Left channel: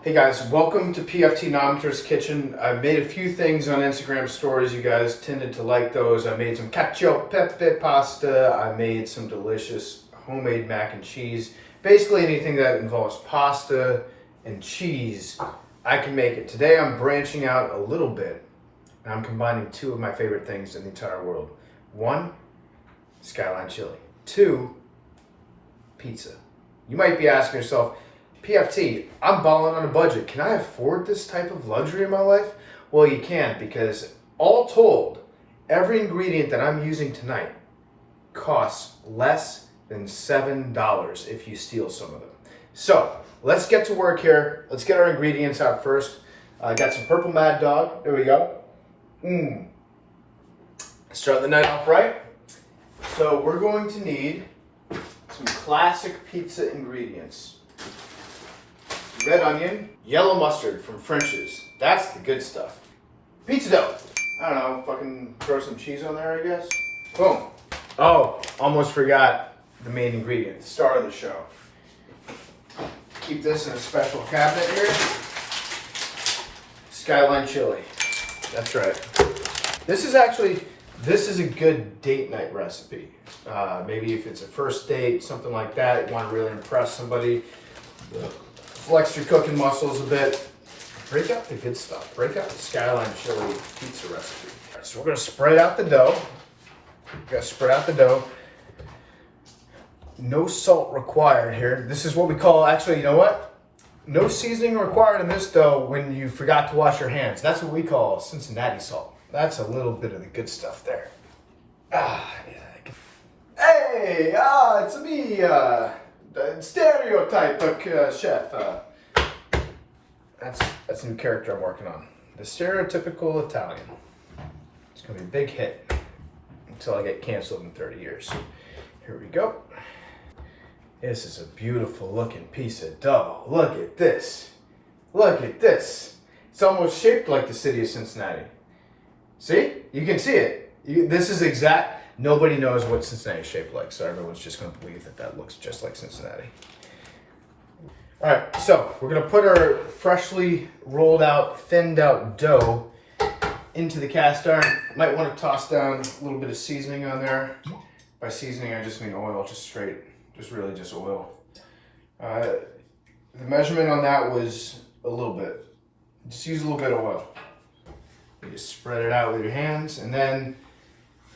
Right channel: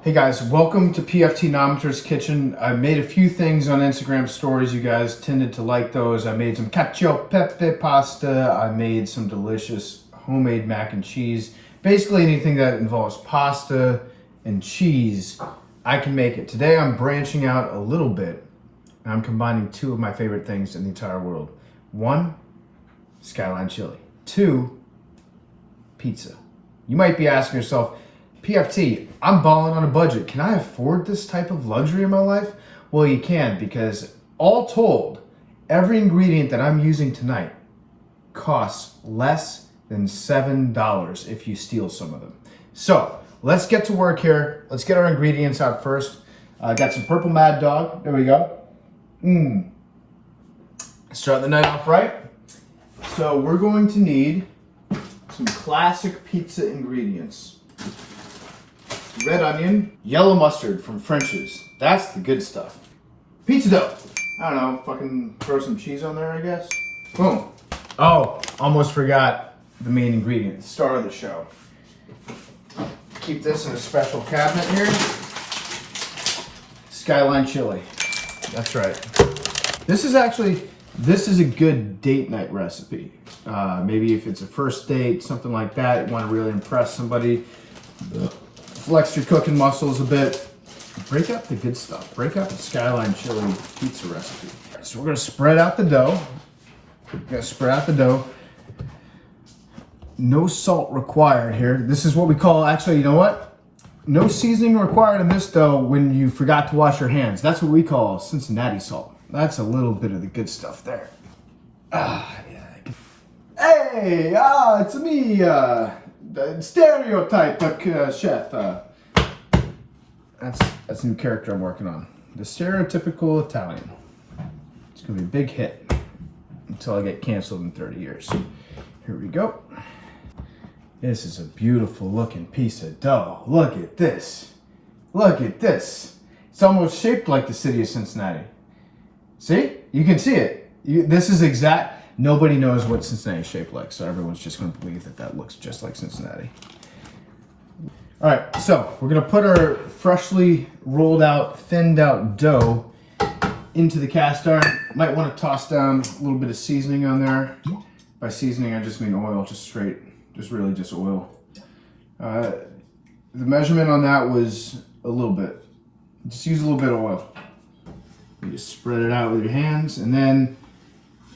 Hey guys, welcome to PFTCommenter's Kitchen. I made a few things on Instagram stories. You guys tended to like those. I made some cacio e pepe pasta. I made some delicious homemade mac and cheese. Basically anything that involves pasta and cheese, I can make it. Today I'm branching out a little bit and I'm combining two of my favorite things in the entire world. One, Skyline chili. Two, pizza. You might be asking yourself, PFT, I'm balling on a budget. Can I afford this type of luxury in my life? Well, you can, because all told, every ingredient that I'm using tonight costs less than $7 if you steal some of them. So let's get to work here. Let's get our ingredients out first. I got some purple Mad Dog. There we go. Start the night off right. So we're going to need some classic pizza ingredients. Red onion, yellow mustard from French's. That's the good stuff. Pizza dough. I don't know, fucking throw some cheese on there, I guess. Boom. Oh, almost forgot the main ingredient, the star of the show. Keep this in a special cabinet here. Skyline chili. That's right. This is a good date night recipe. Maybe if it's a first date, something like that, you want to really impress somebody. Flex your cooking muscles a bit. Break out the good stuff. Break out the Skyline chili pizza recipe. So we're gonna spread out the dough. No salt required here. This is what we call, actually, you know what? No seasoning required in this dough when you forgot to wash your hands. That's what we call Cincinnati salt. That's a little bit of the good stuff there. Yeah. Hey, it's me, stereotype chef. That's a new character I'm working on. The stereotypical Italian. It's gonna be a big hit until I get canceled in 30 years. Here we go. This is a beautiful looking piece of dough. Look at this. Look at this. It's almost shaped like the city of Cincinnati. See? You can see it. This is exact. Nobody knows what Cincinnati is shaped like, so everyone's just going to believe that that looks just like Cincinnati. All right, so we're going to put our freshly rolled out, thinned out dough into the cast iron. Might want to toss down a little bit of seasoning on there. By seasoning, I just mean oil, just oil. The measurement on that was a little bit. Just use a little bit of oil. You just spread it out with your hands, and then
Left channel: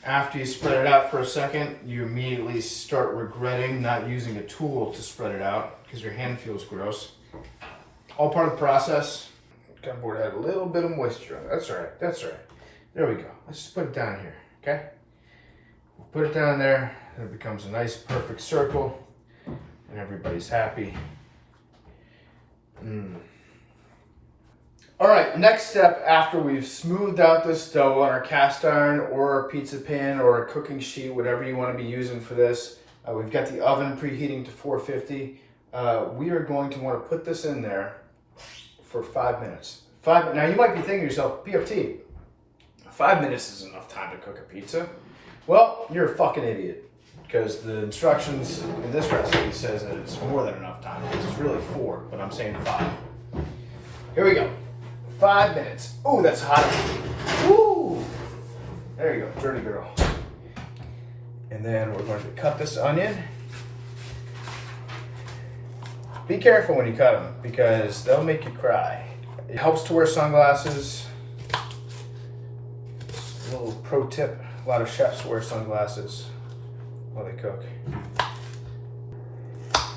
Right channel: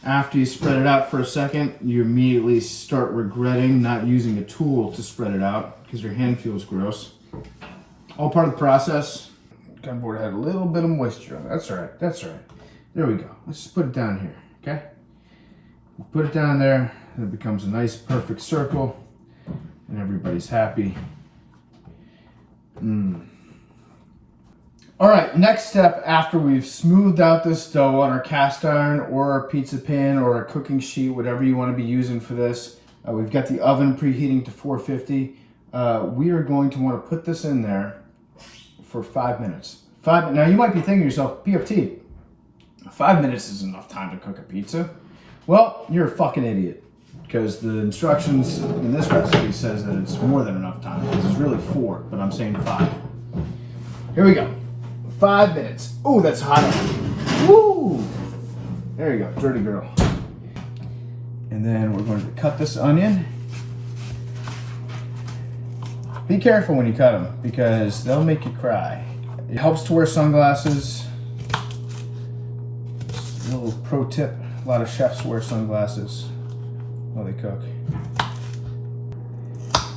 after you spread it out for a second, you immediately start regretting not using a tool to spread it out because your hand feels gross. All part of the process. Gunboard had a little bit of moisture on it. That's all right. There we go. Let's just put it down here, okay? We'll put it down there, and it becomes a nice, perfect circle, and everybody's happy. All right, next step after we've smoothed out this dough on our cast iron or our pizza pan or a cooking sheet, whatever you want to be using for this. We've got the oven preheating to 450. We are going to want to put this in there for 5 minutes. Now you might be thinking to yourself, PFT, 5 minutes is enough time to cook a pizza. Well, you're a fucking idiot, because the instructions in this recipe says that it's more than enough time. It's really 4, but I'm saying 5. Here we go. 5 minutes. Oh, that's hot. Woo! There you go, dirty girl. And then we're going to cut this onion. Be careful when you cut them because they'll make you cry. It helps to wear sunglasses. A little pro tip, a lot of chefs wear sunglasses while they cook.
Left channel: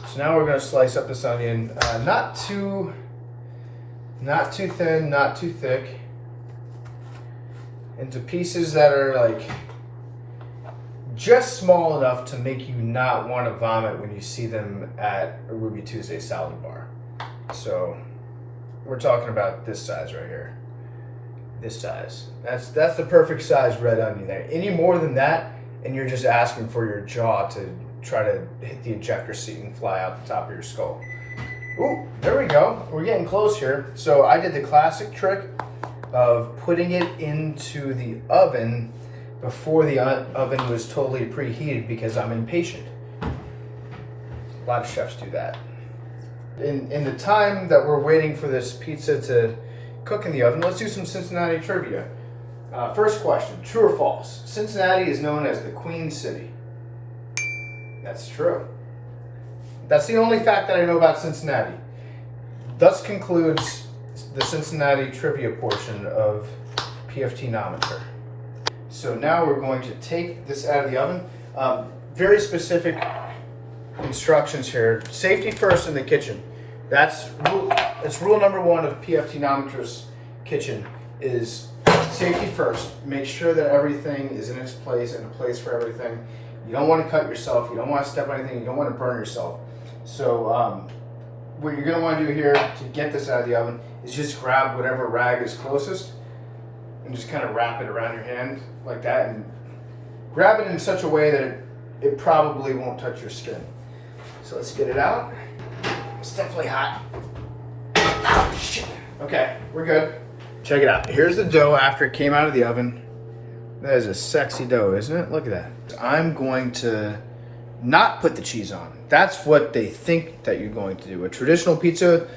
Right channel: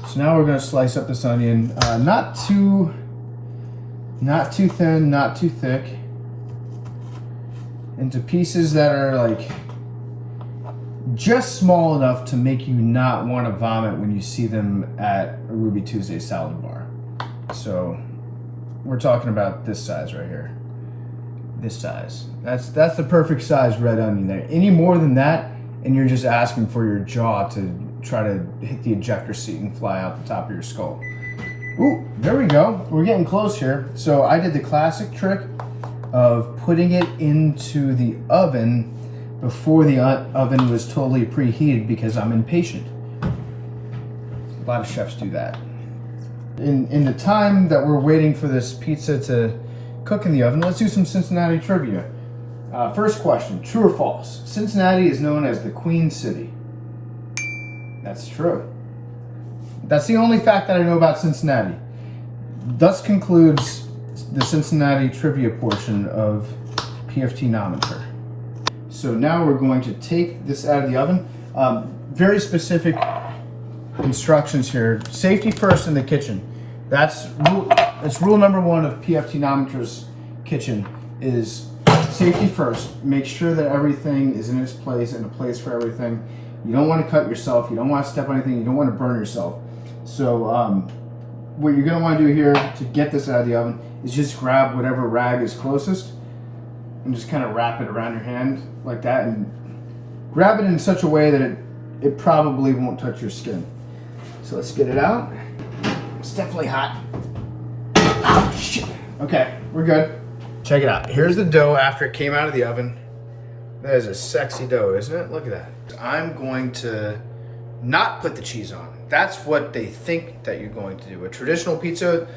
So now we're going to slice up this onion. Not too thin, not too thick, into pieces that are like just small enough to make you not want to vomit when you see them at a Ruby Tuesday salad bar. So we're talking about this size right here. This size. That's the perfect size red onion there. Any more than that, and you're just asking for your jaw to try to hit the ejector seat and fly out the top of your skull. Ooh, there we go. We're getting close here. So I did the classic trick of putting it into the oven before the oven was totally preheated because I'm impatient. A lot of chefs do that. In the time that we're waiting for this pizza to cook in the oven, let's do some Cincinnati trivia. First question, true or false? Cincinnati is known as the Queen City. That's true. That's the only fact that I know about Cincinnati. Thus concludes the Cincinnati trivia portion of PFTcommenter. So now we're going to take this out of the oven. Very specific instructions here. Safety first in the kitchen. That's rule number one of PFTcommenter kitchen is safety first. Make sure that everything is in its place and a place for everything. You don't want to cut yourself. You don't want to step on anything. You don't want to burn yourself. So what you're going to want to do here to get this out of the oven is just grab whatever rag is closest and just kind of wrap it around your hand like that, and grab it in such a way that it probably won't touch your skin. So let's get it out. It's definitely hot. Oh, shit. Okay, we're good. Check it out. Here's the dough after it came out of the oven. That is a sexy dough, isn't it? Look at that. I'm going to not put the cheese on. That's what they think that you're going to do. A traditional pizza,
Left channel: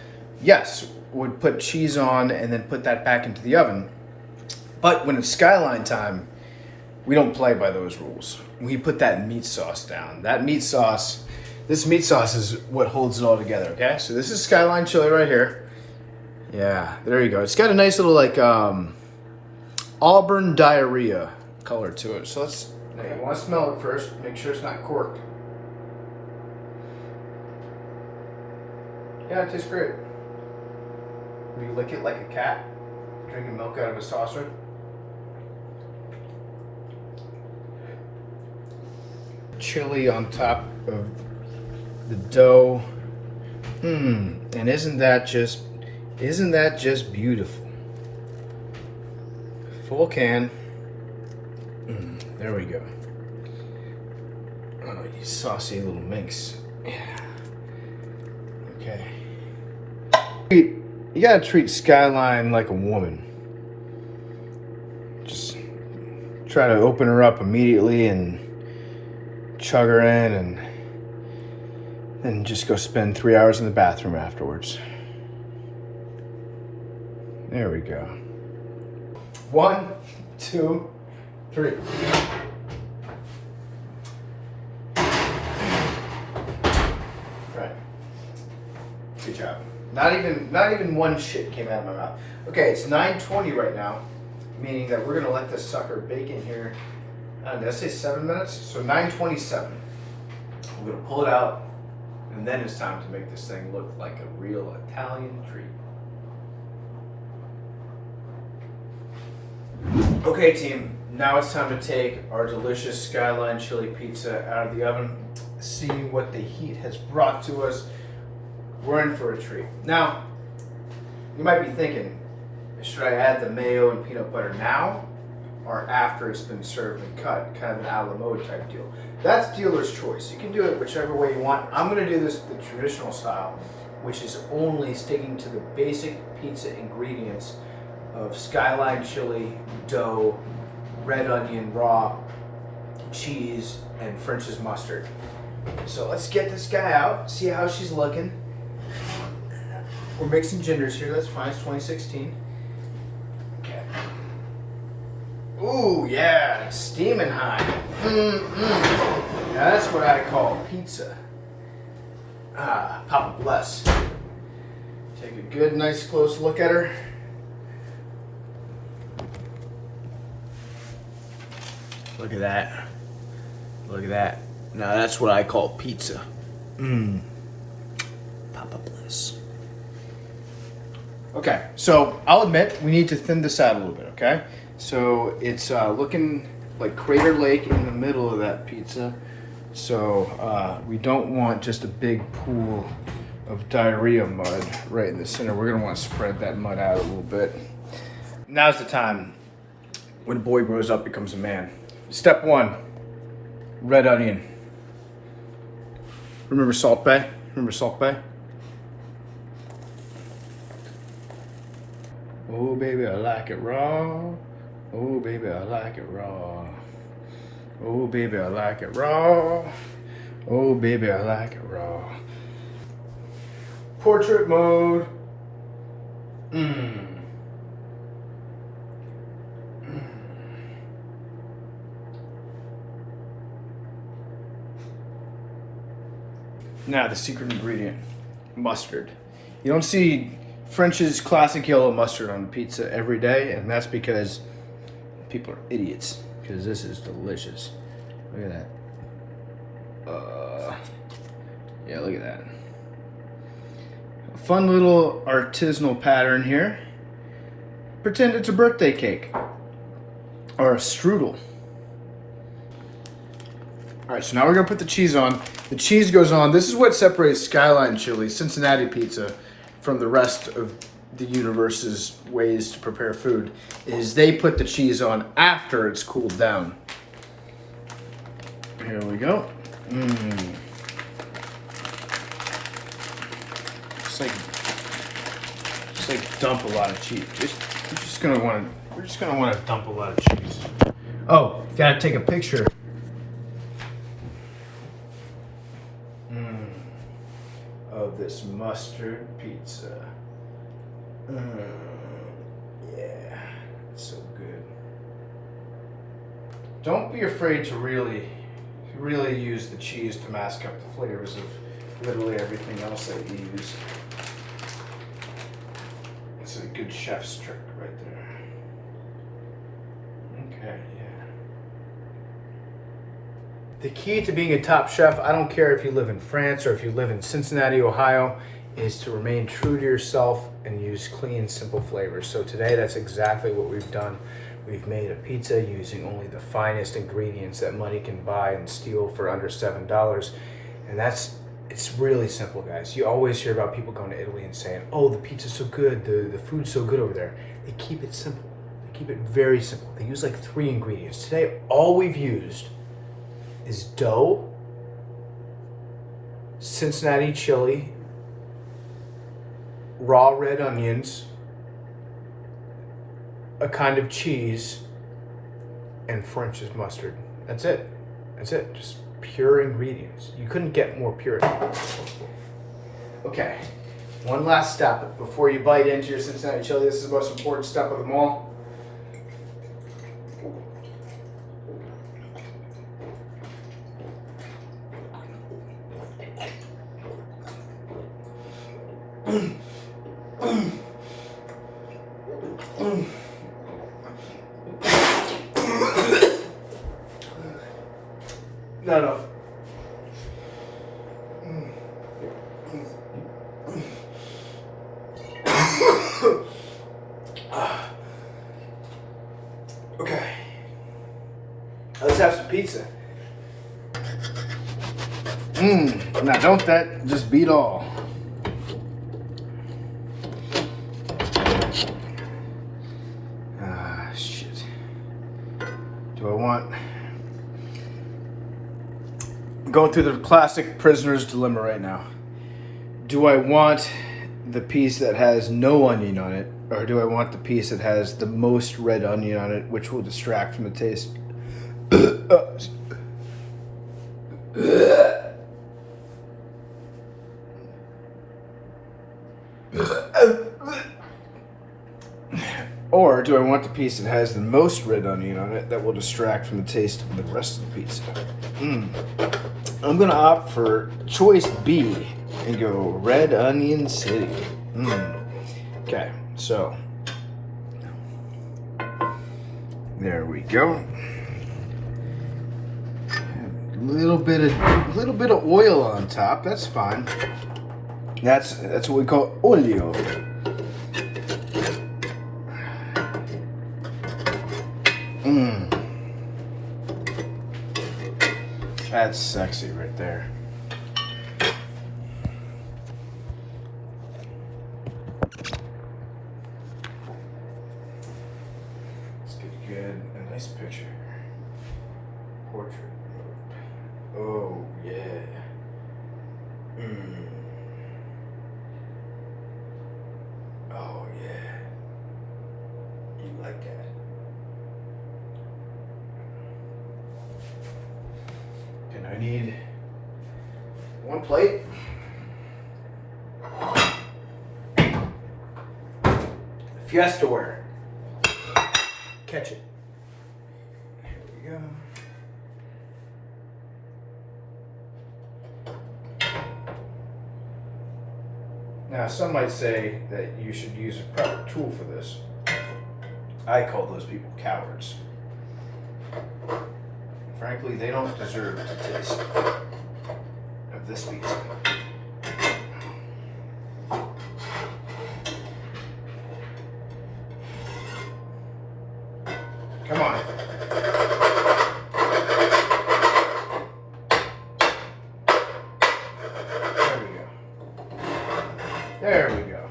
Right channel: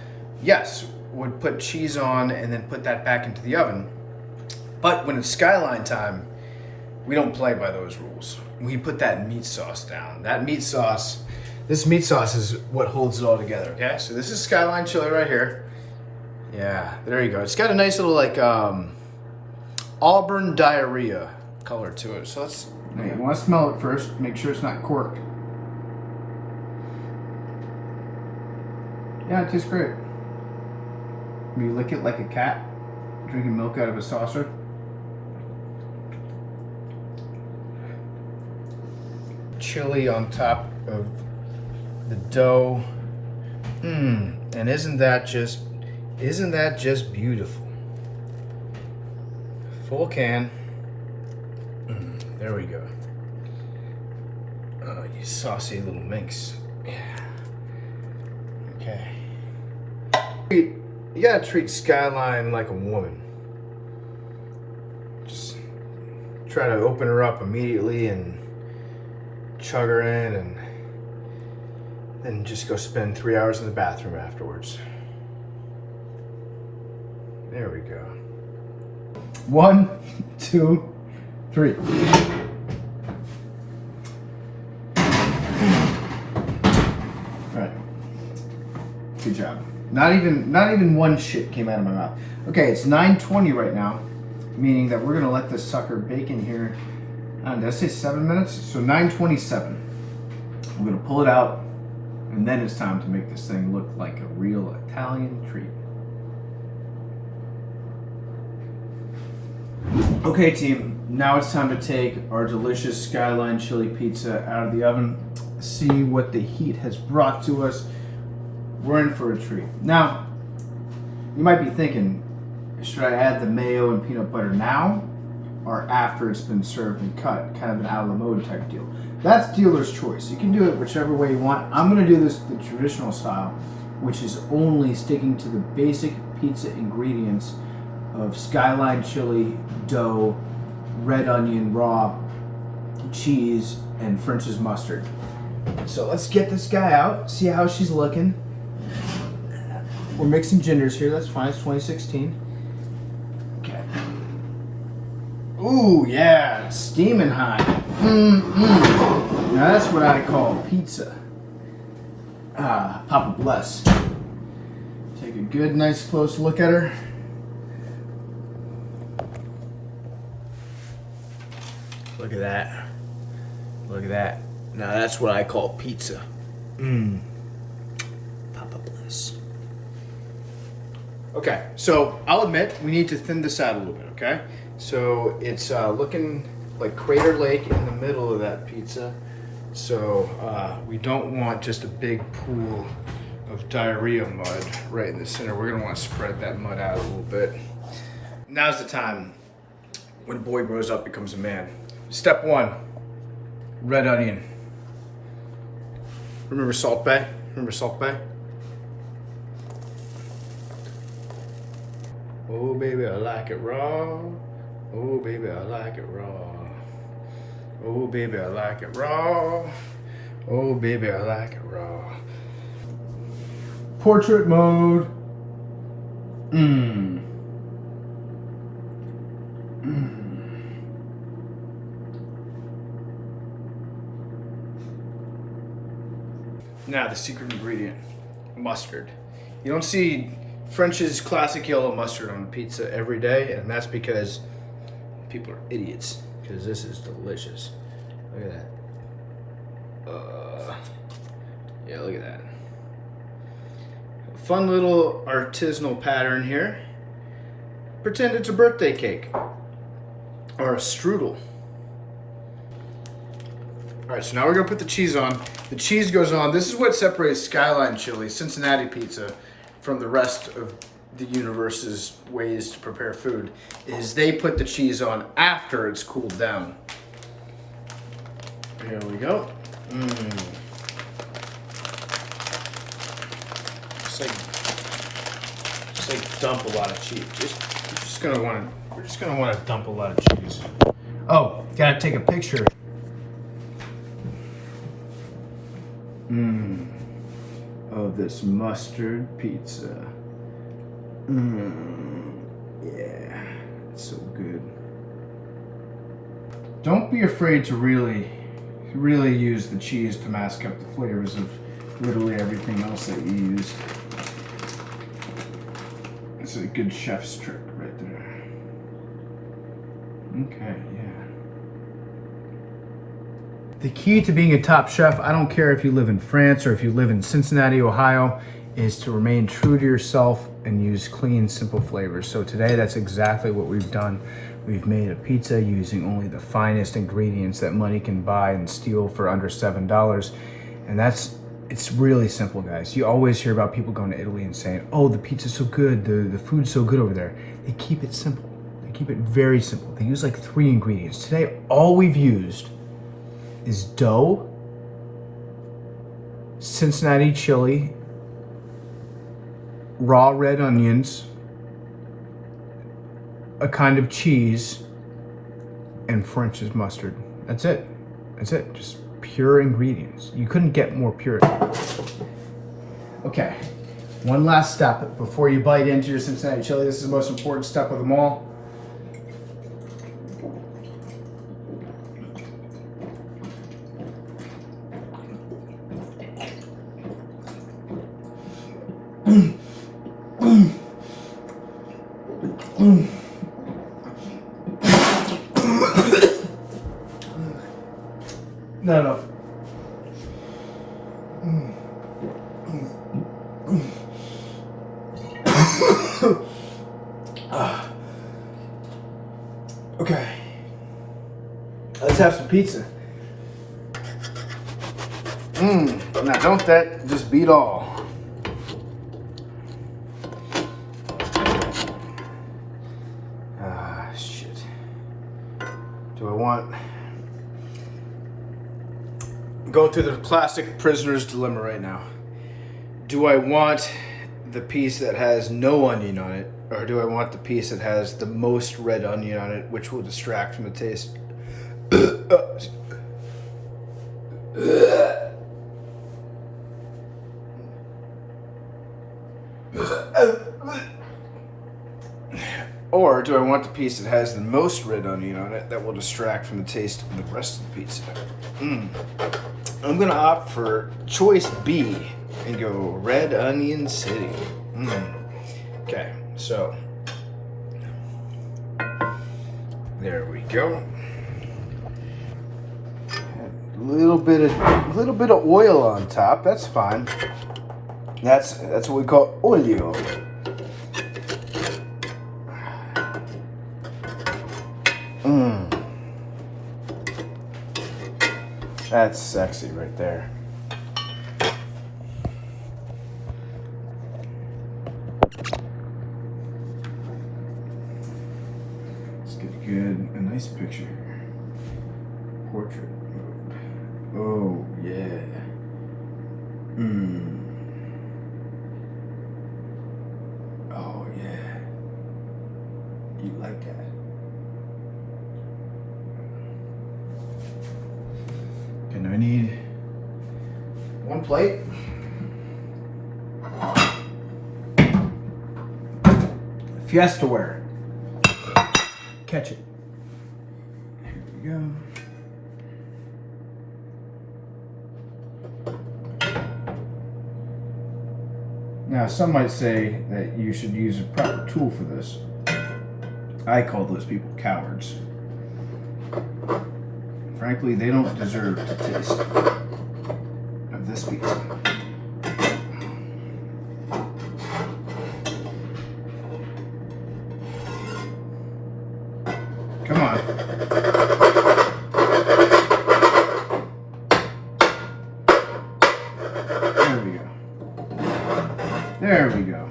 yes, would put cheese on and then put that back into the oven. But when it's Skyline time, we don't play by those rules. We put that meat sauce down. That meat sauce, this meat sauce is what holds it all together, okay? So this is Skyline chili right here. Yeah, there you go. It's got a nice little like auburn diarrhea color to it. So let's, you want to smell it first, make sure it's not corked. Yeah, it tastes great. You lick it like a cat drinking milk out of a saucer. Chili on top of the dough. And isn't that just beautiful? Full can. There we go. Oh, you saucy little minx. Yeah. Okay. You gotta treat Skyline like a woman. Just try to open her up immediately and chug her in, and then just go spend 3 hours in the bathroom afterwards. There we go. 1, 2, 3. Right. Good job. Not even one shit came out of my mouth. Okay, it's 9:20 right now, meaning that we're gonna let this sucker bake in here. I don't know, did I say 7 minutes? So 9:27. I'm gonna pull it out, and then it's time to make this thing look like a real Italian treat. Okay, team, now it's time to take our delicious Skyline chili pizza out of the oven, see what the heat has brought to us. We're in for a treat. Now, you might be thinking, should I add the mayo and peanut butter now or after it's been served and cut? Kind of an a la mode type deal. That's dealer's choice. You can do it whichever way you want. I'm going to do this the traditional style, which is only sticking to the basic pizza ingredients of Skyline chili, dough, red onion, raw, cheese, and French's mustard. So let's get this guy out, see how she's looking. We're mixing genders here, that's fine, it's 2016. Okay. Ooh, yeah, steaming hot. Now that's what I call pizza. Papa bless. Take a good, nice, close look at her. Look at that. Look at that. Now that's what I call pizza. Papa bliss. Okay, so I'll admit we need to thin this out a little bit, okay? So it's looking like Crater Lake in the middle of that pizza. So we don't want just a big pool of diarrhea mud right in the center. We're gonna want to spread that mud out a little bit. Now's the time when a boy grows up, becomes a man. Step 1, red onion. Remember Salt Bay? Remember Salt Bay? Oh baby, I like it raw. Oh baby, I like it raw. Oh baby, I like it raw. Oh baby, I like it raw. portrait mode. Mmm. Now the secret ingredient, mustard. You don't see French's classic yellow mustard on pizza every day, and that's because people are idiots, because this is delicious. Look at that. Yeah, look at that. A fun little artisanal pattern here. Pretend it's a birthday cake or a strudel. All right, so now we're gonna put the cheese on. The cheese goes on. This is what separates Skyline chili, Cincinnati pizza, from the rest of the universe's ways to prepare food, is they put the cheese on after it's cooled down. Here we go. Just like dump a lot of cheese. We're just gonna want to dump a lot of cheese. Oh, gotta take a picture. Of this mustard pizza. Yeah, it's so good. Don't be afraid to really use the cheese to mask up the flavors of literally everything else that you use. It's a good chef's trick right there. Okay, yeah. The key to being a top chef, I don't care if you live in France or if you live in Cincinnati, Ohio, is to remain true to yourself and use clean, simple flavors. So today, that's exactly what we've done. We've made a pizza using only the finest ingredients that money can buy and steal for under $7. And it's really simple, guys. You always hear about people going to Italy and saying, oh, the pizza's so good, the food's so good over there. They keep it simple. They keep it very simple. They use like 3 ingredients. Today, all we've used is dough, Cincinnati chili, raw red onions, a kind of cheese, and French's mustard. That's it. That's it. Just pure ingredients. You couldn't get more pure. Okay, one last step before you bite into your Cincinnati chili. This is the most important step of them all. Not enough. Okay. Let's have some pizza. Now don't that just beat all. Shit. Do I want... I'm going through the classic prisoner's dilemma right now. Do I want the piece that has no onion on it, or do I want the piece that has the most red onion on it, which will distract from the taste? Or do I want the piece that has the most red onion on it that will distract from the taste of the rest of the pizza? I'm gonna opt for choice B and go Red Onion City. Okay, so there we go. A little bit of oil on top. That's fine. That's what we call olio. That's sexy right there. Let's get a nice picture. Portrait mode. Oh, yeah. Oh, yeah. You like that? And I need 1 plate. Fiesta ware. Catch it. Here we go. Now, some might say that you should use a proper tool for this. I call those people cowards. Frankly, they don't deserve the taste of this pizza. Come on. There we go. There we go.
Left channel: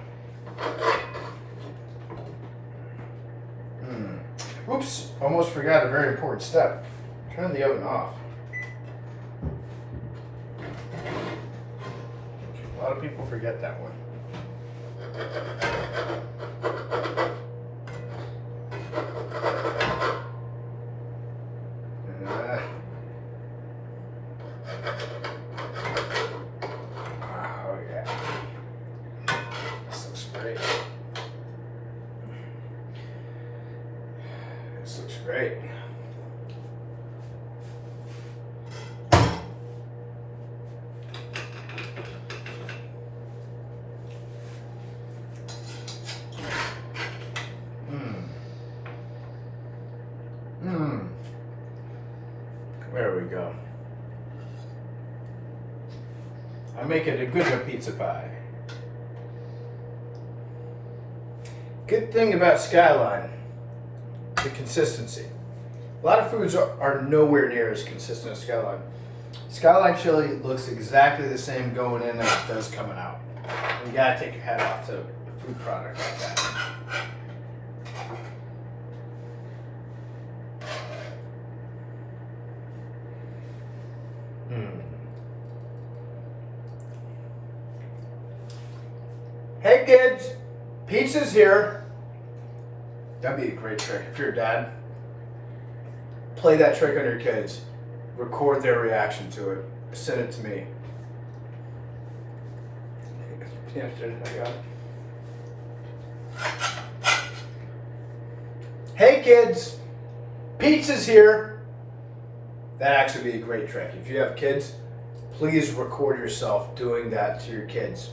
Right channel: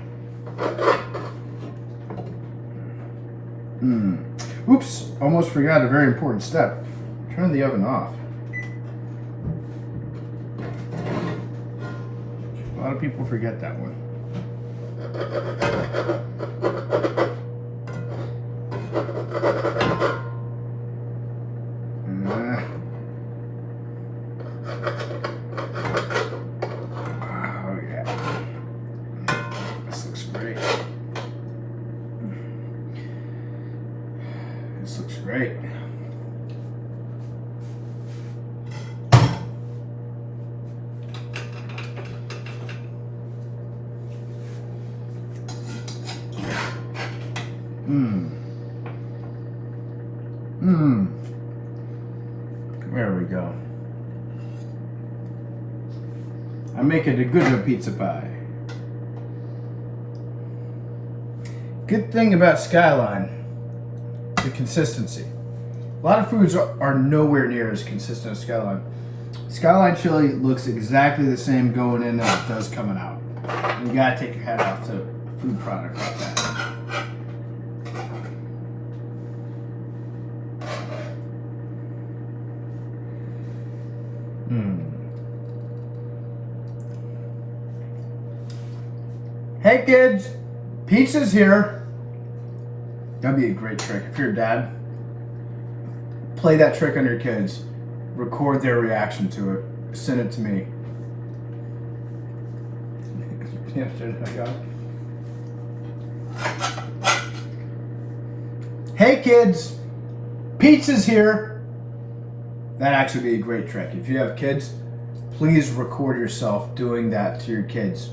Oops, almost forgot a very important step. Turn the oven off. A lot of people forget that one. Oh yeah. This looks great. This looks great. There we go. I'm making a good pizza pie. Good thing about Skyline, the consistency. A lot of foods are nowhere near as consistent as Skyline. Skyline chili looks exactly the same going in as it does coming out. You gotta take your hat off to a food product like that. Hey kids, pizza's here. That'd be a great trick. If you're a dad, play that trick on your kids. Record their reaction to it. Send it to me. Hey kids, pizza's here. That'd actually be a great trick. If you have kids, please record yourself doing that to your kids.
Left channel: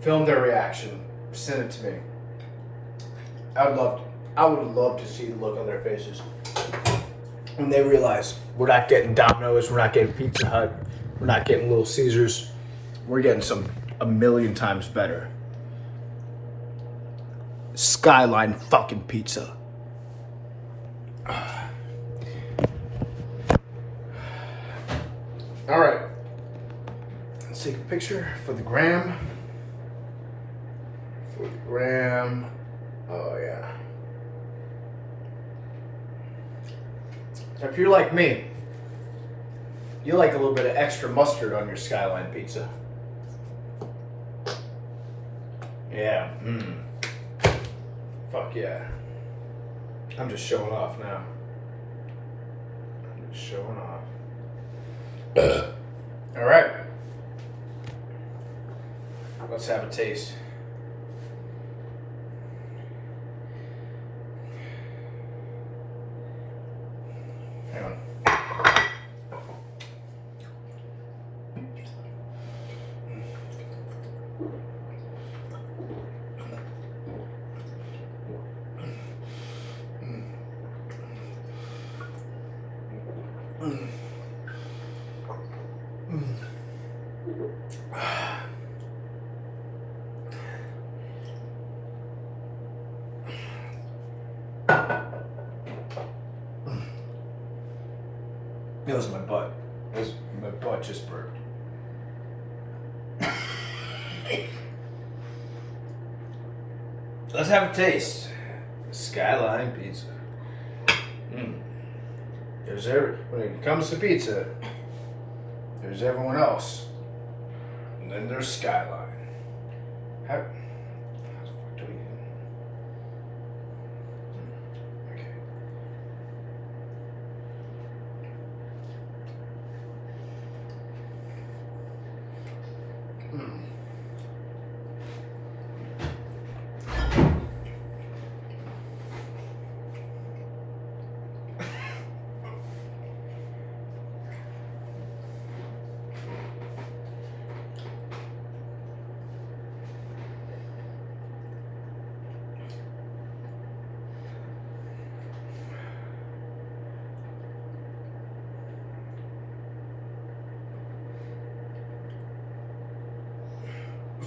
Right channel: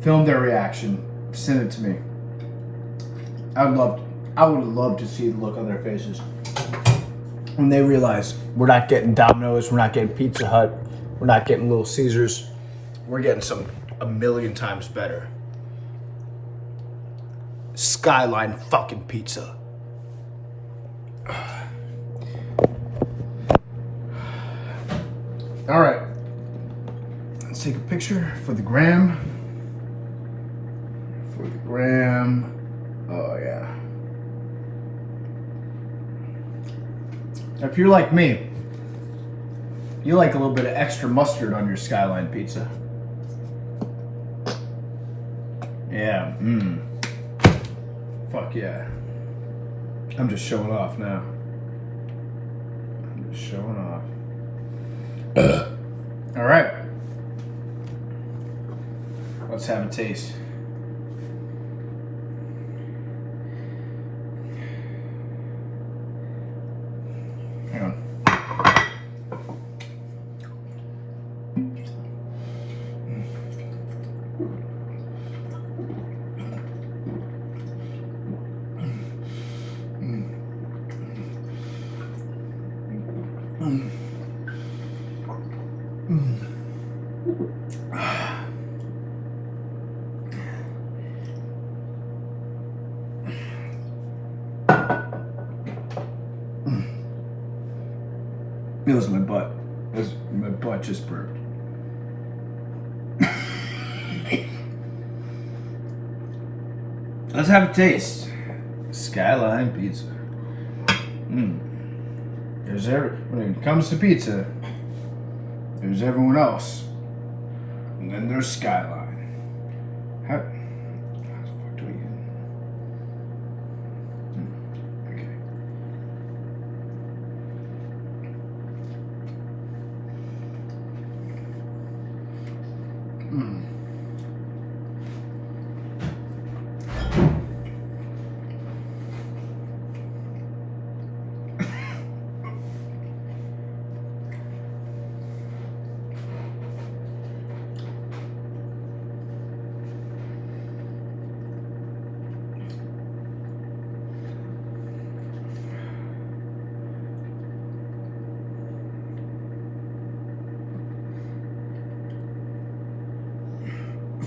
Film their reaction. Send it to me. I would love to see the look on their faces when they realize we're not getting Domino's, we're not getting Pizza Hut, we're not getting Little Caesars. We're getting some a million times better. Skyline fucking pizza. All right. Let's take a picture for the gram. For the gram. Oh yeah. If you're like me, you like a little bit of extra mustard on your Skyline pizza. Yeah. Fuck yeah. I'm just showing off now. I'm just showing off. All right. Let's have a taste. Hang on. That was my butt. My butt just burped. Let's have a taste. Skyline pizza. When it comes to pizza, there's everyone else. And then there's Skyline. How the fuck do we get? Okay.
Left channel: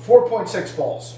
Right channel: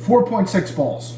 4.6 balls.